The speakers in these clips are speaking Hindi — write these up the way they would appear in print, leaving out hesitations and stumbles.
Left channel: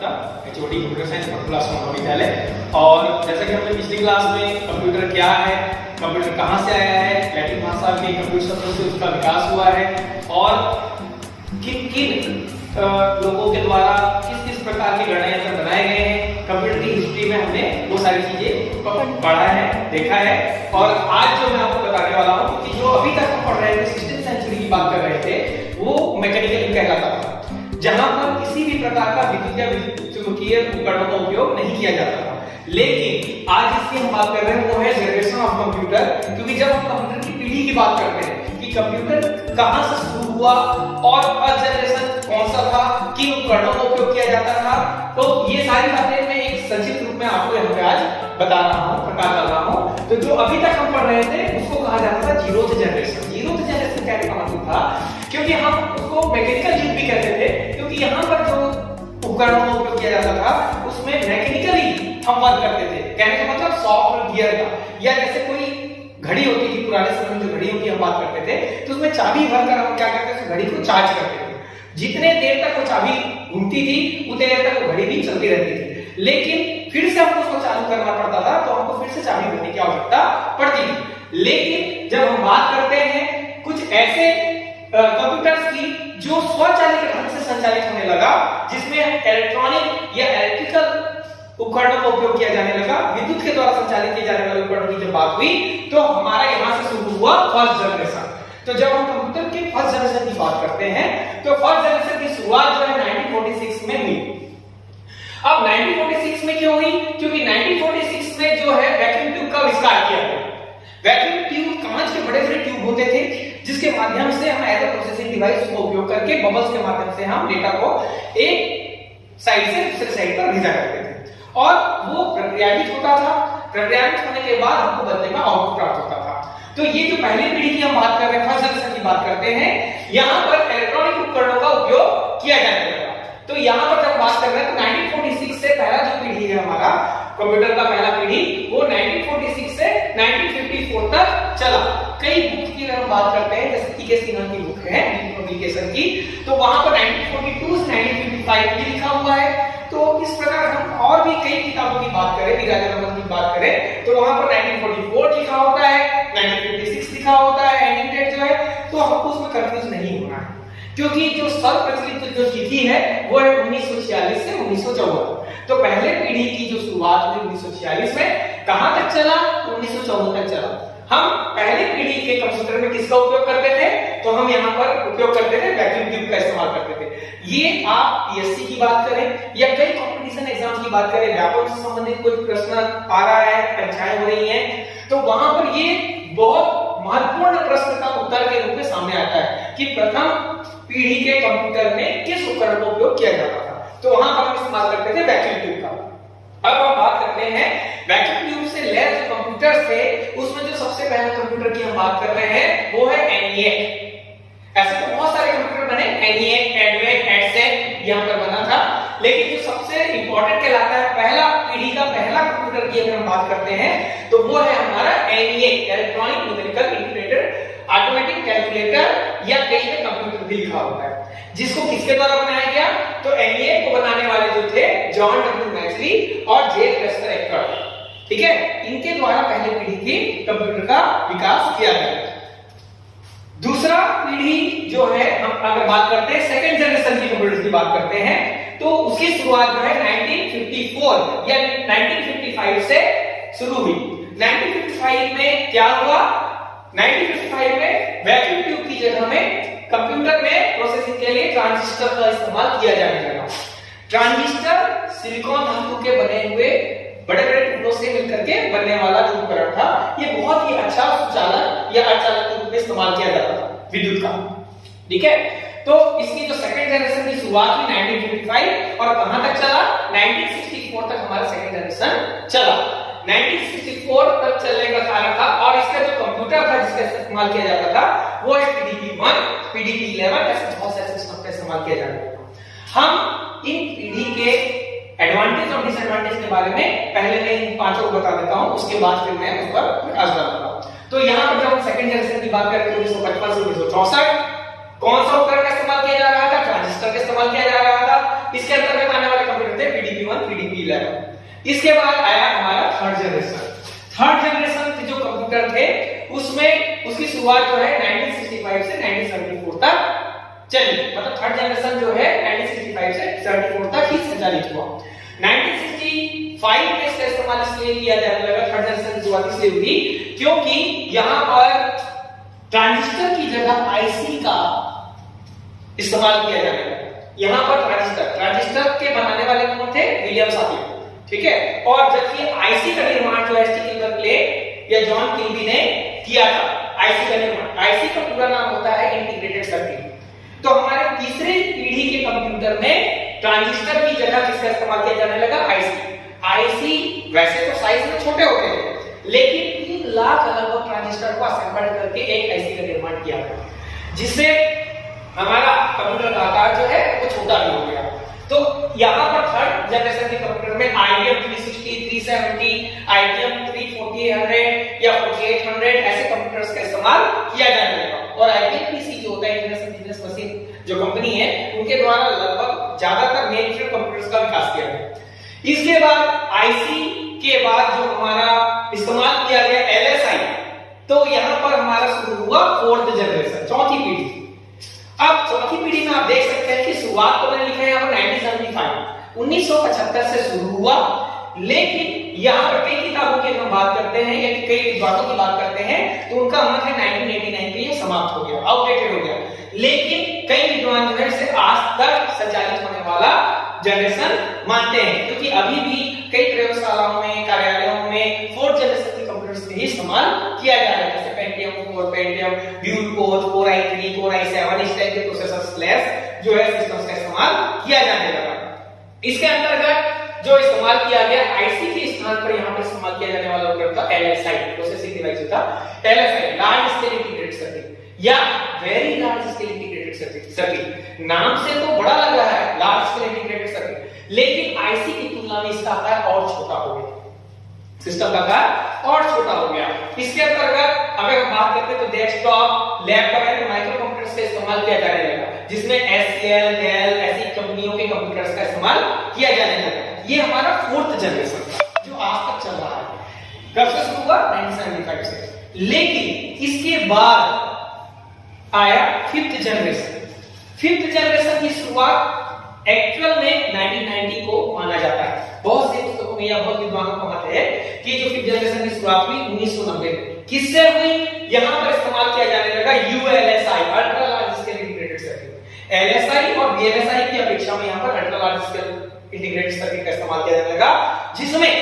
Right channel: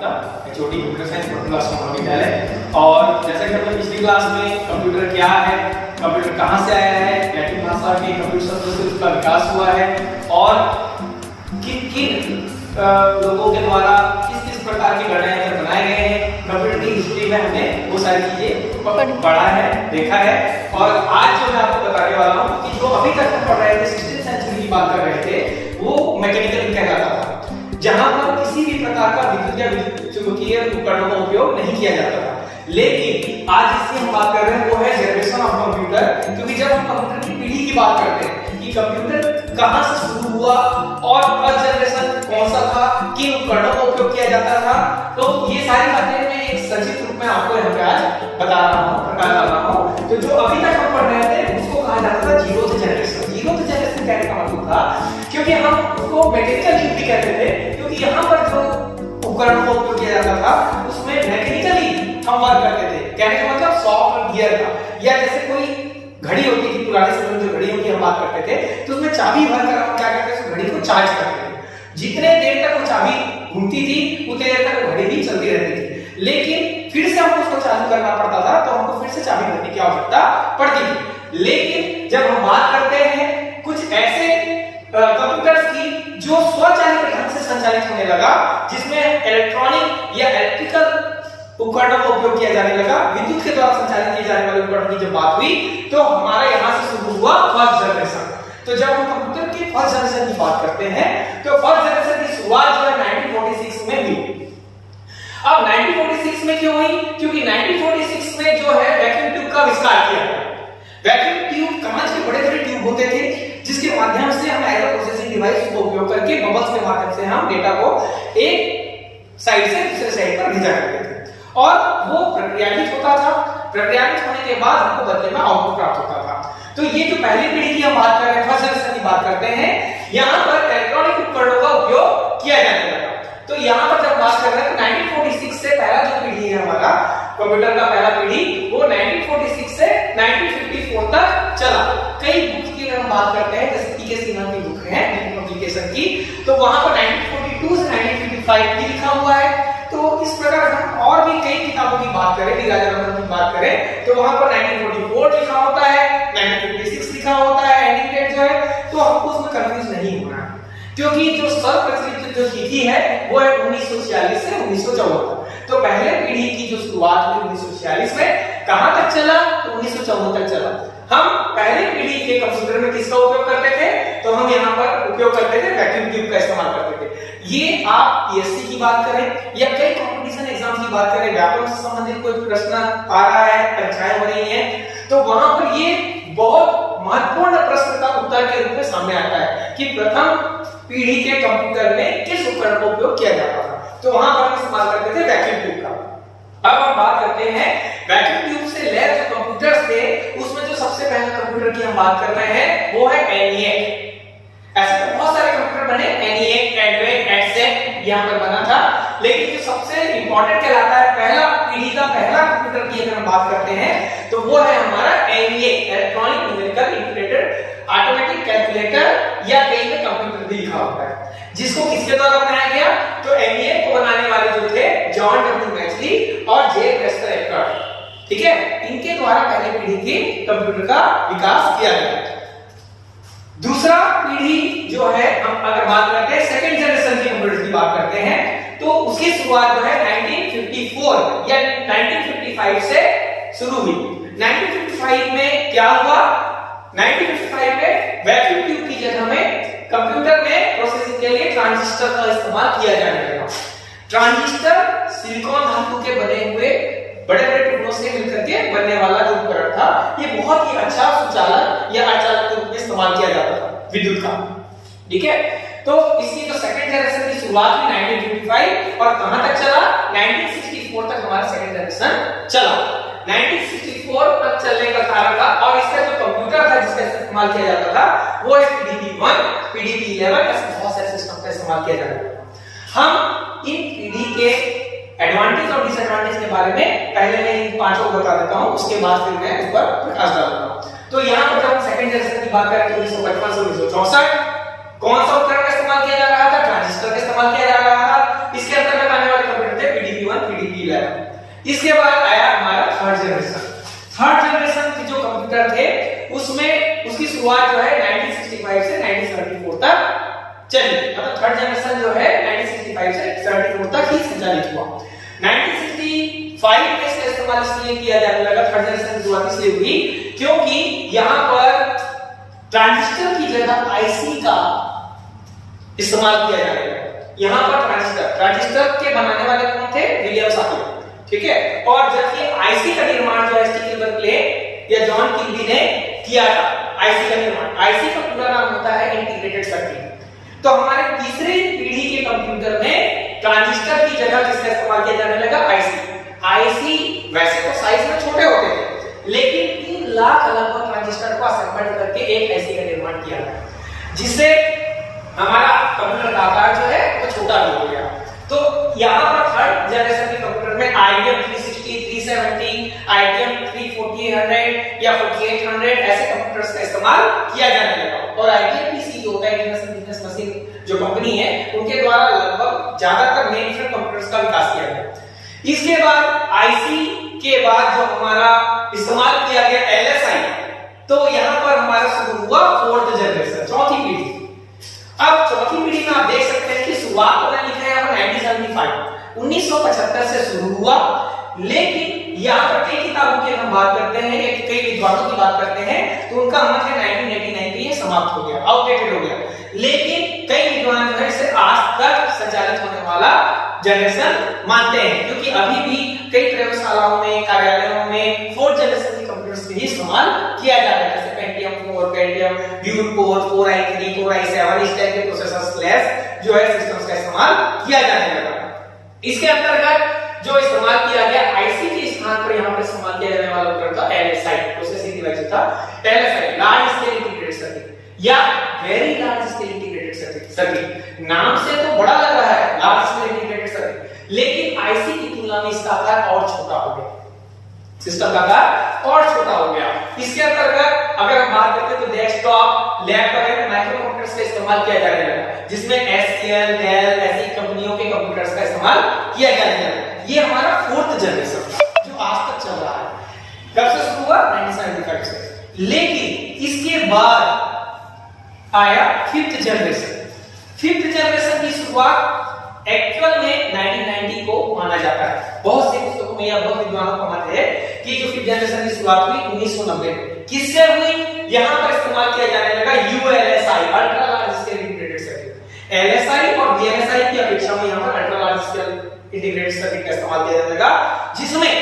Gupta, HOD computer science class महाविद्यालय। और जैसे कि हमने पिछली क्लास में कंप्यूटर क्या है, कंप्यूटर कहाँ से आया है, लैटिन भाषा के कंप्यूटर शब्द से उसका विकास हुआ है और किन किन लोगों के द्वारा किस किस प्रकार के गणना बनाए गए हैं, कंप्यूटर की हिस्ट्री में हमने वो सारी चीजें पढ़ा है, देखा है। और आज जो मैं आपको बताने वाला हूँ कि जो अभी तक हम पढ़ रहे थे, 16वीं सेंचुरी की बात कर रहे थे, वो मैकेनिकल कहलाता था, जहां पर किसी भी प्रकार का विद्युत या विद्युत चुंबकीय उपकरणों का उपयोग नहीं किया जाता था। लेकिन आज जिसकी हम बात कर रहे हैं वो है जनरेशन ऑफ कंप्यूटर, क्योंकि जब हम कंप्यूटर की पीढ़ी की बात करते हैं कि कंप्यूटर कहां से शुरू हुआ और फर्स्ट जनरेशन कौन सा था, किन उपकरणों का उपयोग किया जाता था, तो ये सारी बातें मैं एक संक्षिप्त रूप में आपको यहाँ पे आज बता रहा हूँ, प्रकाश डाल रहा हूँ। तो जो अभी तक हम पढ़ रहे थे उसको कहा जाता था जीरोथ जनरेशन। जीरोथ जनरेशन कहने का मतलब था, क्योंकि हम उसको मैकेनिकल युग भी कहते थे, क्योंकि यहाँ पर जो उपकरणों का उपयोग किया जाता था उसमें मैकेनिकली हम वर्क करते थे। कहने का मतलब सॉफ्टवेयर का, या जैसे कोई घड़ी होती थी पुराने समय में, जो घड़ियों की हम बात करते थे तो उसमें चाबी भरकर हम क्या करते थे, उस घड़ी को चार्ज करते थे। जितने देर तक वो चाबी घूमती थी उतने देर तक वो घड़ी भी चलती रहती थी, लेकिन फिर से हमको उसको चालू करना पड़ता था, तो हमको फिर से चाबी भरने की आवश्यकता पड़ती थी। लेकिन जब हम बात करते हैं कुछ ऐसे कंप्यूटर्स की जो स्वचालित ढंग से संचालित होने लगा, जिसमें इलेक्ट्रॉनिक या इलेक्ट्रिकल उपकरणों का उपयोग किया जाने लगा, विद्युत के द्वारा संचालित किए जाने वाले उपकरणों की जब बात हुई तो हमारा यहां से शुरू हुआ फर्स्ट जनरेशन। तो जब हम कंप्यूटर की फर्स्ट जनरेशन की बात करते हैं तो फर्स्ट जनरेशन की शुरुआत जो है 1946 में हुई। अब 1946 में क्यों हुई? क्योंकि 1946 में जो है वैक्यूम ट्यूब का आविष्कार किया गया। वैक्यूम ट्यूब कांच के बड़े-बड़े ट्यूब होते थे, जिसके माध्यम से हम एज अ प्रोसेसिंग डिवाइस का उपयोग करके बबल्स के माध्यम से हम डेटा को एक साइड से दूसरे साइड पर भेजा करते थे और वो प्रक्रियान्वित होता था। प्रक्रियान्वित होने के बाद हमको बदले में आउटपुट प्राप्त होता था। तो ये जो पहली पीढ़ी की हम बात कर रहे हैं, फर्स्ट जनरेशन की बात करते हैं, यहाँ पर इलेक्ट्रॉनिक उपकरणों का उपयोग किया जाने लगा। तो यहाँ पर जब बात कर रहे हैं तो 1946 से पहला जो पीढ़ी है हमारा कंप्यूटर का पहला पीढ़ी, वो 1946 से 1954 तक चला। कई बुक्स की हम बात करते हैं, जैसे पीके सिन्हा की बुक है पब्लिकेशन की, तो वहां पर 1942 से 1955 भी लिखा हुआ है। तो इस प्रकार हम और भी कई किताबों की बात करें, डी राजारामन की बात करें, तो वहां पर 1944 लिखा होता है, 1956 लिखा होता है, एंडिंग डेट जो है, तो हमको उसमें कंफ्यूज नहीं होना है, क्योंकि जो सर्वप्रचलित जो तिथि है वो है 1946 से 1974। तो पहले पीढ़ी की जो शुरुआत हुई 1946 में, कहां तक चला? तो 1974 तक चला। हम पहले पीढ़ी के कंप्यूटर में किसका उपयोग करते थे? तो हम यहाँ पर उपयोग करते थे वैक्यूम ट्यूब का इस्तेमाल करते थे। ये आप पीएससी की बात करें या कई कंपटीशन एग्जाम्स की बात करें, व्याकरण से संबंधित कोई प्रश्न आ रहा है, परीक्षाएं हो रही हैं, तो वहां पर ये बहुत महत्वपूर्ण प्रश्न का उत्तर के रूप में सामने आता है कि प्रथम पीढ़ी के कंप्यूटर में किस उपकरण का उपयोग किया जाता था। तो वहां पर हम इस्तेमाल करते थे वैक्यूम ट्यूब का। अब हम बात करते हैं वैक्यूम ट्यूब से लैस जो कंप्यूटर्स थे, उसमें जो सबसे पहले कंप्यूटर की हम बात कर रहे हैं वो है ENIAC। ऐसे तो बहुत सारे कंप्यूटर बने, ENIAC, EDVAC, EDSEC यहाँ पर बना था, लेकिन जो सबसे इंपॉर्टेंट कहलाता है पहला पीढ़ी का पहला कंप्यूटर की अगर हम बात करते हैं तो वो है हमारा ENIAC, electronic numerical integrated automatic calculator, या कई में कंप्यूटर भी लिखा होता है, जिसको किसके द्वारा बनाया गया? तो ENIAC को बनाने वाले जो थे जॉन डब्ल्यू मैचली और जे प्रेस्टर एक्कर्ड, ठीक है, इनके द्वारा पहली पीढ़ी के कंप्यूटर का विकास किया गया। दूसरा पीढ़ी जो है, हम अगर बात करते हैं सेकंड जनरेशन के कंप्यूटर की बात करते हैं, तो उसकी शुरुआत जो है 1954 या 1955 से शुरू हुई। 1955 में क्या हुआ? 1955 में वैक्यूम ट्यूब की जगह में कंप्यूटर में प्रोसेसिंग के लिए ट्रांजिस्टर का इस्तेमाल किया जाने लगा। ट्रांजिस्टर सिलिकॉन धातु के बने हुए बड़े-बड़े टुकड़ों से मिलकर के बनने वाला जो उपकरण था, ये बहुत ही अच्छा सुचालक या अचालक के रूप में इस्तेमाल किया जाता था विद्युत का, ठीक है। तो इसकी जो सेकंड जनरेशन की शुरुआत हुई 1955 और कहां तक चला? 1964 तक हमारा सेकंड जनरेशन चला। 1964 तक चलने का कारण था, और इसका जो कंप्यूटर था जिसका इस्तेमाल किया जाता था वो है PDP-1, PDP-11, ऐसे बहुत सारे सिस्टम का इस्तेमाल किया जाता था। हम इन पीढ़ी के एडवांटेज और डिसएडवांटेज के बारे में पहले मैं इन पांचों को बता देता हूं, उसके बाद फिर मैं उस पर प्रकाश डालूंगा। तो यहाँ पर जब हम सेकंड जनरेशन की बात करें तो 1955 से 1964 कौन सा उपकरण का इस्तेमाल किया जा रहा था? ट्रांजिस्टर का इस्तेमाल किया जा रहा था। इसके अंतर्गत आने वाले कंप्यूटर थे 11। इसके बाद आया हमारा थर्ड जनरेशन। थर्ड जनरेशन के जो कंप्यूटर थे उसमें उसकी शुरुआत जो है 1965 से 1974 तक चली, मतलब थर्ड जनरेशन जो है 1965 से 74 तक ही संचालित हुआ। 1965 में इसका इस्तेमाल इसलिए किया जाने लगा, थर्ड जनरेशन की शुरुआत इसलिए हुई क्योंकि यहाँ पर ट्रांजिस्टर की जगह आईसी का इस्तेमाल किया जाने लगा। यहाँ पर ट्रांजिस्टर के बनाने वाले कौन थे? विलियम सापियर, ठीक है। और जबकि आईसी का निर्माण जो है स्टीफन क्ले या जॉन किल्बी ने किया था। आईसी का निर्माण, आईसी का पूरा नाम होता है इंटीग्रेटेड सर्किट। तो हमारे तीसरी पीढ़ी के कंप्यूटर में ट्रांजिस्टर की जगह किसका इस्तेमाल किया जाने लगा? आईसी। आईसी वैसे तो साइज में छोटे होते थे, लेकिन 3 लाख अलग-अलग ट्रांजिस्टर को असेंबल करके एक आईसी का निर्माण किया गया, जिससे हमारा कंप्यूटर का आकार जो है वो छोटा भी हो गया। तो यहाँ पर थर्ड जनरेशन के कंप्यूटर में IBM 360, 370, IBM 3400 या 4800 ऐसे कंप्यूटर्स का इस्तेमाल किया जाने लगा। और IBM PC जो होता है इंटरनेशनल बिजनेस मशीन जो कंपनी है, उनके द्वारा लगभग ज्यादातर मेन फ्रेम कंप्यूटर्स का विकास किया गया। इसके बाद आईसी के बाद जो हमारा इस्तेमाल किया गया LSI, तो यहाँ पर हमारा शुरू हुआ फोर्थ जनरेशन, चौथी पीढ़ी। अब चौथी पीढ़ी में आप देख सकते हैं कि शुरुआत तो लिखा है यहाँ पर 1975 से शुरू हुआ, लेकिन यहाँ पर कई किताबों की हम बात करते हैं या कई विद्वानों की बात करते हैं तो उनका मत है 1989 पे ये समाप्त हो गया, आउटडेटेड हो गया। लेकिन कई विद्वान जो है इसे आज तक संचालित होने वाला जनरेशन मानते हैं, क्योंकि अभी भी कई प्रयोगशालाओं में, कार्यालयों में फोर्थ जनरेशन के कंप्यूटर्स का ही इस्तेमाल किया जाता है, जैसे Pentium 4, Pentium dual core, 4i3, 4i7 इस टाइप के प्रोसेसर्स क्लास जो है सिस्टम्स का इस्तेमाल किया जाने लगा। इसके अंतर्गत जो इस्तेमाल किया गया आईसी के स्थान पर यहाँ पर इस्तेमाल किया जाने वाला उपकरण था LSI, प्रोसेसिंग डिवाइस था LSI, large scale integrated circuit या very large scale integrated circuit. नाम से तो बड़ा लग रहा है लार्ज स्केल इंटीग्रेटेड सर्किट, लेकिन आईसी की तुलना में इसका आकार और छोटा हो गया, सिस्टम का आकार और छोटा हो गया। इसके अंतर्गत अगर हम बात करते हैं तो डेस्कटॉप, लैपटॉप या माइक्रो कंप्यूटर्स का इस्तेमाल किया जाने लगा, जिसमें SCL, Dell ऐसी कंपनियों के कंप्यूटर्स का इस्तेमाल किया जाने लगा। ये हमारा फोर्थ जनरेशन था जो आज तक चल रहा है। कब से शुरू हुआ? 1975 से। लेकिन इसके बाद आया फिफ्थ जनरेशन। फिफ्थ जनरेशन की शुरुआत एक्चुअल में 1990 को माना जाता है। बहुत से पुस्तकों में या बहुत विद्वानों का मत है कि जो फिफ्थ जनरेशन की शुरुआत हुई 1990 में। किससे हुई? यहां पर इस्तेमाल किया जाने लगा ULSI, ultra large scale integrated circuit. LSI और VLSI की अपेक्षा में यहां पर ultra large scale integrated circuit का इस्तेमाल किया जाने लगा, जिसमें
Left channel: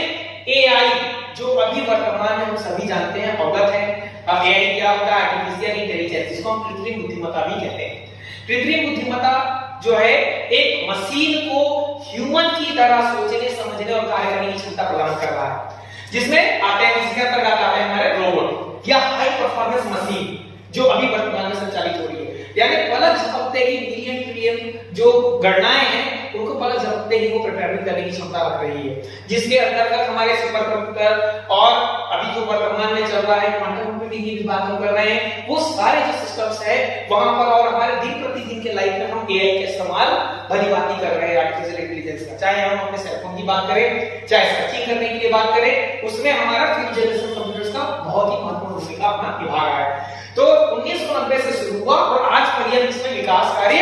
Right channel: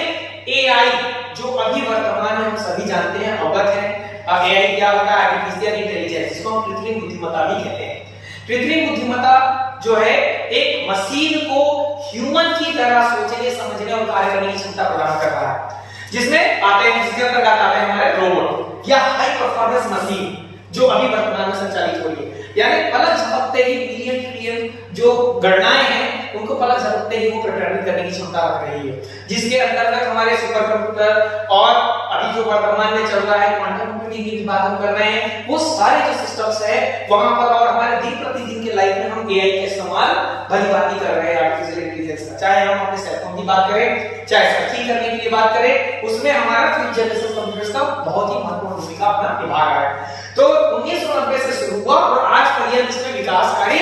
AI जो अभी वर्तमान में हम सभी जानते हैं, अवगत हैं। AI क्या होता है? आर्टिफिशियल इंटेलिजेंस, जिसको हम कृत्रिम बुद्धिमत्ता भी कहते हैं। कृत्रिम बुद्धिमत्ता जो है एक मशीन को ह्यूमन की तरह सोचने, समझने और कार्य करने की क्षमता प्रदान कर रहा है, जिसमें आते हैं, जिसके अंतर्गत आते हैं हमारे रोबोट या हाई परफॉर्मेंस मशीन जो अभी वर्तमान में संचालित हो रही है। यानी पलक झपकते ही मिलियन ट्रिलियन जो गणनाएं हैं उनको पलक झपकते ही वो प्रोग्रामिंग करने की क्षमता रख रही है, जिसके अंतर्गत हमारे सुपर कंप्यूटर और अभी जो वर्तमान में चल रहा है क्वांटम कंप्यूटिंग की बात हम कर रहे हैं, वो सारे जो सिस्टम्स है वहां पर और हमारे दिन प्रतिदिन के लाइफ में हम AI का इस्तेमाल भली भांति कर रहे हैं, आर्टिफिशियल इंटेलिजेंस का। चाहे हम अपने सेलफोन की बात करें, चाहे सर्चिंग करने के लिए बात करें, उसमें हमारा फिफ्थ जनरेशन कंप्यूटर्स का बहुत ही महत्वपूर्ण भूमिका अपना निभा रहा है। तो 1990 से शुरू हुआ और आज पर्यंत इसमें विकास कार्य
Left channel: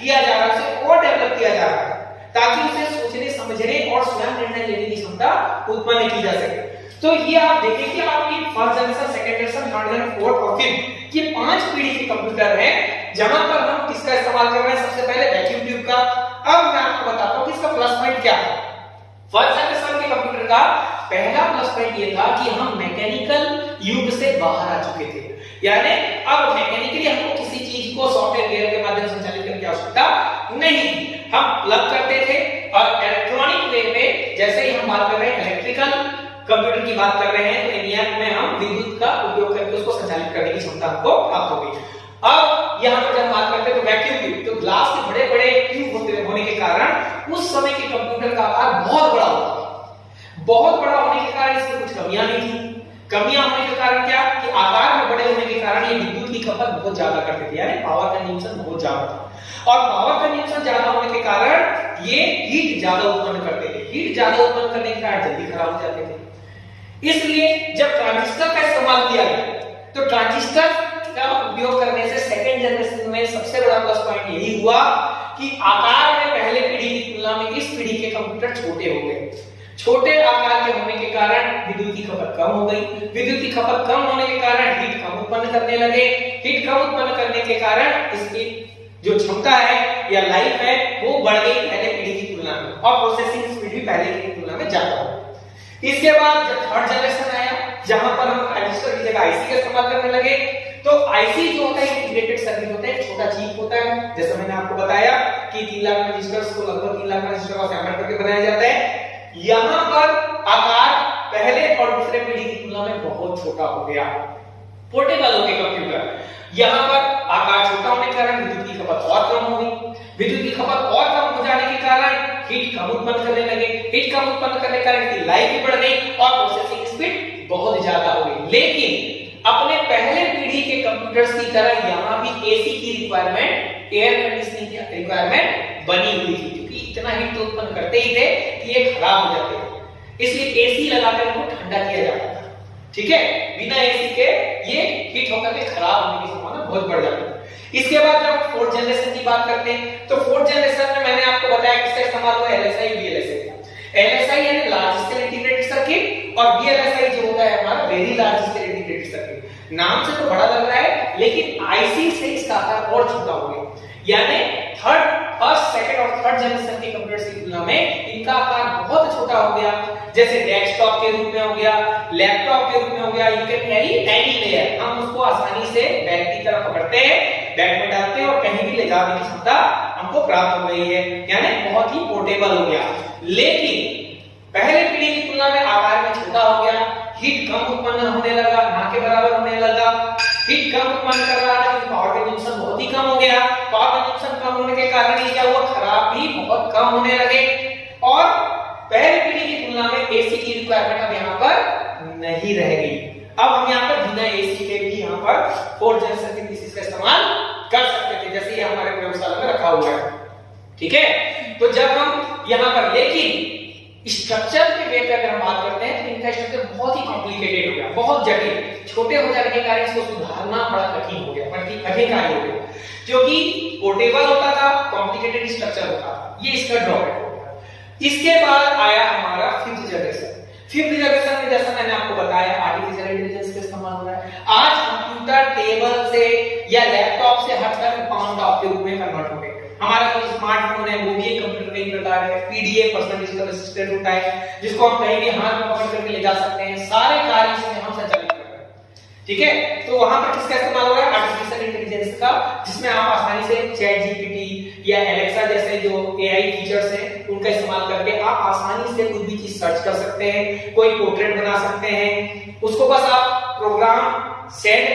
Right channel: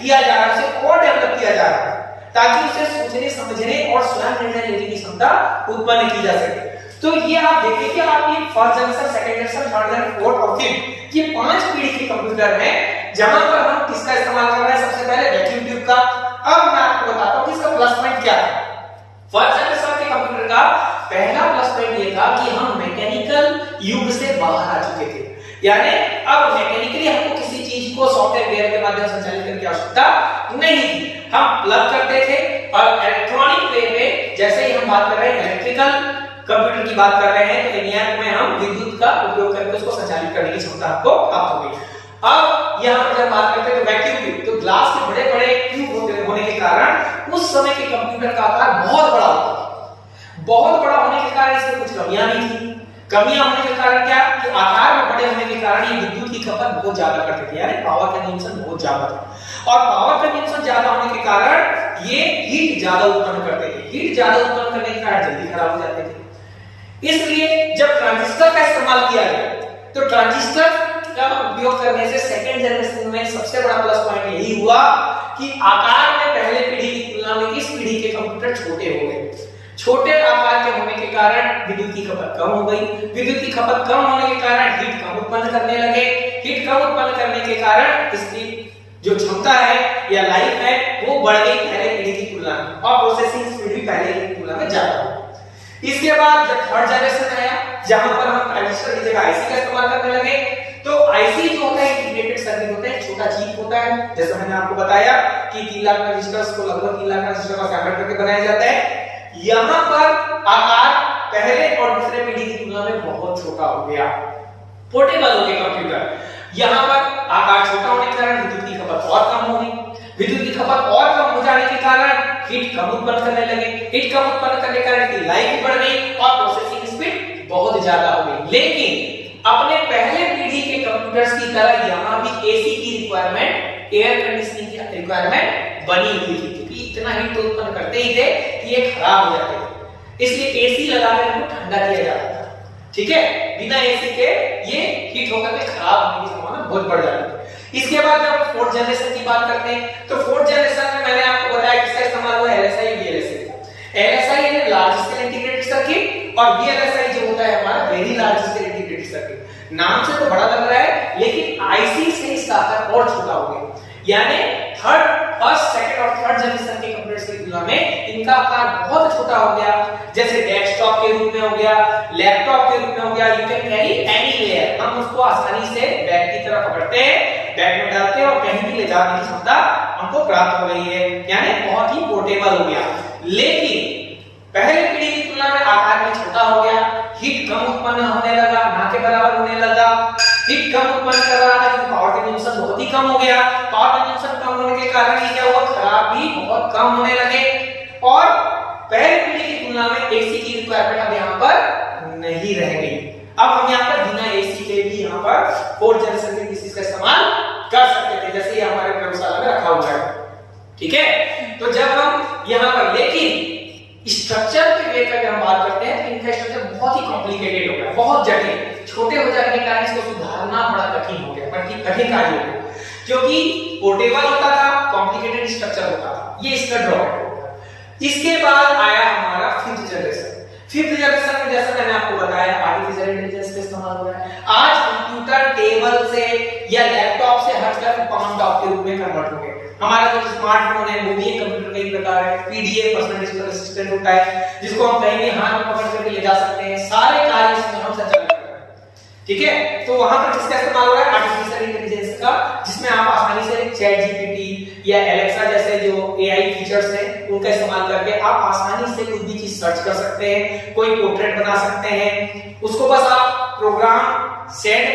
किया जा रहा है, उसे और डेवलप किया जा रहा है ताकि उसे सोचने, समझने और स्वयं निर्णय लेने की क्षमता उत्पन्न की जा सके। तो ये आप देखें कि आपकी first generation, second generation, third generation, fourth और फिफ्थ ये 5 पीढ़ी के कंप्यूटर हैं, जहां पर हम किसका इस्तेमाल कर रहे हैं? सबसे पहले वैक्यूम ट्यूब का। अब मैं आपको बताता हूं कि इसका प्लस पॉइंट क्या है। फर्स्ट जनरेशन के कंप्यूटर का पहला प्लस पॉइंट ये था कि हम मैकेनिकल युग से बाहर आ चुके थे, यानी अब मैकेनिकली हमको किसी चीज को सॉफ्टवेयर के माध्यम से संचालित करने की आवश्यकता नहीं थी। हम प्लग करते थे और इलेक्ट्रॉनिक वे में, जैसे ही हम बात कर रहे हैं इलेक्ट्रिकल कंप्यूटर की बात कर रहे हैं, तो ENIAC में हम विद्युत का उपयोग करके उसको संचालित करने की क्षमता हमको प्राप्त हो गई। अब यहाँ पर जब बात करते हैं तो वैक्यूम ट्यूब, तो ग्लास के बड़े बड़े ट्यूब होने के कारण उस समय के कंप्यूटर का आकार बहुत बड़ा होता था। बहुत बड़ा होने के कारण इसमें कुछ कमियां नहीं थी। कमियां होने के कारण क्या कि आकार में बड़े होने के कारण ये विद्युत की खपत बहुत ज्यादा करते थे, यानी पावर कंजम्पशन बहुत ज्यादा था। और पावर कंजम्पशन ज्यादा होने के कारण ये हीट ज्यादा उत्पन्न करते थे। हीट ज्यादा उत्पन्न करने के कारण जल्दी खराब हो जाते थे। इसलिए जब ट्रांजिस्टर का इस्तेमाल किया गया तो ट्रांजिस्टर का उपयोग करने से सेकंड जनरेशन में सबसे बड़ा प्लस पॉइंट यही हुआ कि आकार में पहले पीढ़ी की तुलना में इस पीढ़ी के कंप्यूटर छोटे हो गए। छोटे आकार के होने के कारण विद्युत की खपत कम हो गई। विद्युत की खपत कम होने के कारण हीट कम उत्पन्न करने लगे। हीट कम उत्पन्न करने के कारण इसकी जो क्षमता है या लाइफ है वो बढ़ गई पहले पीढ़ी की तुलना में, और प्रोसेसिंग स्पीड भी पहले की तुलना में ज्यादा हो। इसके बाद जब थर्ड जनरेशन आया जहां पर हम ट्रांजिस्टर की जगह आईसी का इस्तेमाल करने लगे, तो आईसी जो होता है इंटीग्रेटेड सर्किट होता है, छोटा चिप होता है। जैसे मैंने आपको बताया कि 3 लाख ट्रांजिस्टर्स को लगभग 3 लाख ट्रांजिस्टर का असेंबल करके बनाया जाता है। यहां पर आकार पहले और दूसरे पीढ़ी की तुलना में बहुत छोटा हो गया। पोर्टेबल हो गए कंप्यूटर। यहां पर आकार छोटा होने के कारण विद्युत की खपत और कम हो गई। विद्युत की खपत और कम हो जाने के कारण हीट कम उत्पन्न करने लगे। हीट कम उत्पन्न करने के कारण इसकी लाइफ भी बढ़ गई और प्रोसेसिंग स्पीड बहुत ज्यादा हो गई। लेकिन अपने पहले पीढ़ी के कंप्यूटर्स की तरह यहां भी एसी की रिक्वायरमेंट, एयर कंडीशनिंग की रिक्वायरमेंट बनी हुई थी, क्योंकि इतना हीट तो उत्पन्न करते ही थे कि ये खराब हो जाते थे। इसलिए एसी लगाकर इनको ठंडा किया जाता था। ठीक है, बिना एसी के ये हीट होकर के खराब होने की संभावना बहुत बढ़ जाती है। इसके बाद जब फोर्थ जनरेशन की बात करते हैं तो फोर्थ जनरेशन में मैंने आपको बताया किसका इस्तेमाल हुआ, एलएसआई वीएलएसआई। एलएसआई यानी लार्ज स्केल इंटीग्रेटेड सर्किट और वीएलएसआई जो होता है हमारा very large scale integrated circuit. नाम से तो बड़ा लग रहा है लेकिन आईसी से इसका आकार और छोटा हो गया। यानी फर्स्ट, सेकंड और थर्ड जनरेशन के कंप्यूटर्स की तुलना में इनका आकार बहुत छोटा हो गया। जैसे डेस्कटॉप के रूप में हो गया, लैपटॉप के रूप में हो गया, यू कैन कैरी एनीवेयर। हम उसको आसानी से बैग की तरह पकड़ते हैं, बैग में डालते हैं और कहीं भी ले जाने की क्षमता हमको प्राप्त हो रही है, यानी बहुत ही पोर्टेबल हो गया। लेकिन पहले पीढ़ी की तुलना में आकार में छोटा हो गया, हीट कम उत्पन्न होने लगा, ना के बराबर होने लगा। हीट कम उत्पन्न कर रहा था क्योंकि पावर कंजम्पशन बहुत ही कम हो गया। पावर कंजम्पशन कम होने के कारण ये क्या हुआ, खराब भी बहुत कम होने लगे। और पहले पीढ़ी की तुलना में एसी की रिक्वायरमेंट अब यहाँ पर नहीं रह गई। अब हम यहाँ पर बिना एसी के भी यहाँ पर फोर्थ जनरेशन के पीसीस का इस्तेमाल कर सकते थे, जैसे ये हमारे प्रयोगशाला में रखा हुआ है। ठीक है, तो जब हम यहाँ पर, लेकिन स्ट्रक्चर के वे अगर हम बात करते हैं तो इनका स्ट्रक्चर बहुत ही कॉम्प्लिकेटेड हो गया, बहुत जटिल। छोटे हो जाने के कारण इसको सुधारना बड़ा कठिन हो गया, कठिन कार्य हो गया, क्योंकि पोर्टेबल होता था, कॉम्प्लिकेटेड स्ट्रक्चर होता था। ये इसका ड्रॉबैक हो गया। इसके बाद आया हमारा फिफ्थ जनरेशन। फिफ्थ जनरेशन में जैसा मैंने आपको बताया आर्टिफिशियल इंटेलिजेंस का इस्तेमाल हो रहा है। आज कंप्यूटर टेबल से या लैपटॉप से हटकर कमांड टॉप के रूप में कन्वर्ट हो गए। हमारा जो स्मार्टफोन है वो भी एक कंप्यूटर का ही प्रकार है। पीडीए पर्सनल डिजिटल असिस्टेंट होता है जिसको हम कहीं भी हाथ में पकड़ करके ले जा सकते हैं, सारे कार्य इसमें हम संचालित कर रहे हैं। ठीक है, तो वहां पर किसका इस्तेमाल हो रहा है, आर्टिफिशियल इंटेलिजेंस का, जिसमें आप आसानी से चैट जीपीटी या एलेक्सा जैसे जो एआई फीचर्स हैं उनका इस्तेमाल करके आप आसानी से कोई भी चीज सर्च कर सकते हैं, कोई पोर्ट्रेट बना सकते हैं। उसको बस आप प्रोग्राम सेट